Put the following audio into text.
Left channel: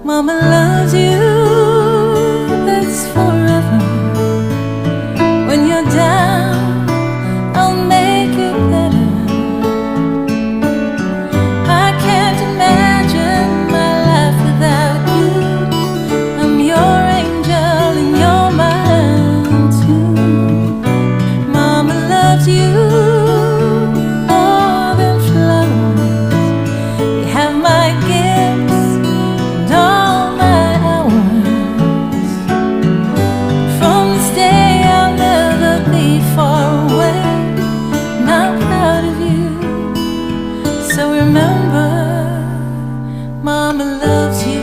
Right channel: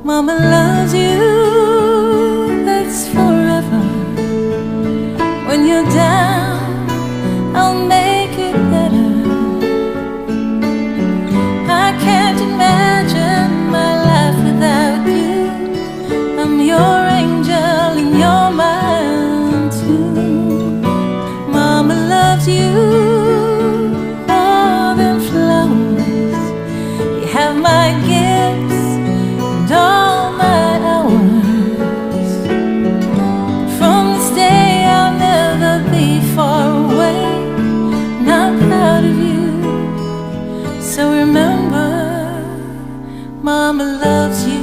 Mama loves you, that's forever. When you're down, I'll make it better. I can't imagine my life without you. I'm your angel and you're mine too. Mama loves you more than flowers. You have my gifts and all my hours. From this day I'll never be far away, and I'm proud of you. So remember, Mama loves you.